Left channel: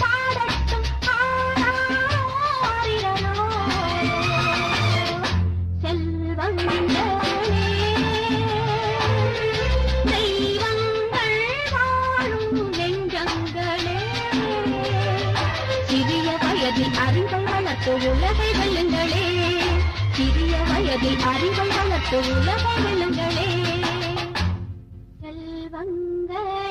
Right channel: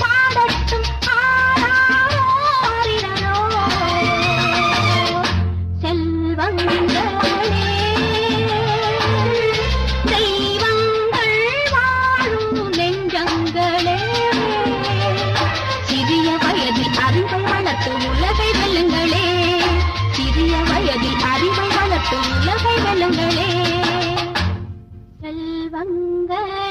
பாடட்டும் ஆராரோ செல்வங்களே தெய்வங்கள் வாழும் நெஞ்சங்களே சிறிய வயதில் அறிவை வளர்த்து உலகை வெல்லுங்களே சிறிய வயதில் அறிவை வளர்த்து உலகை வெல்லுங்களே செல்வங்கள்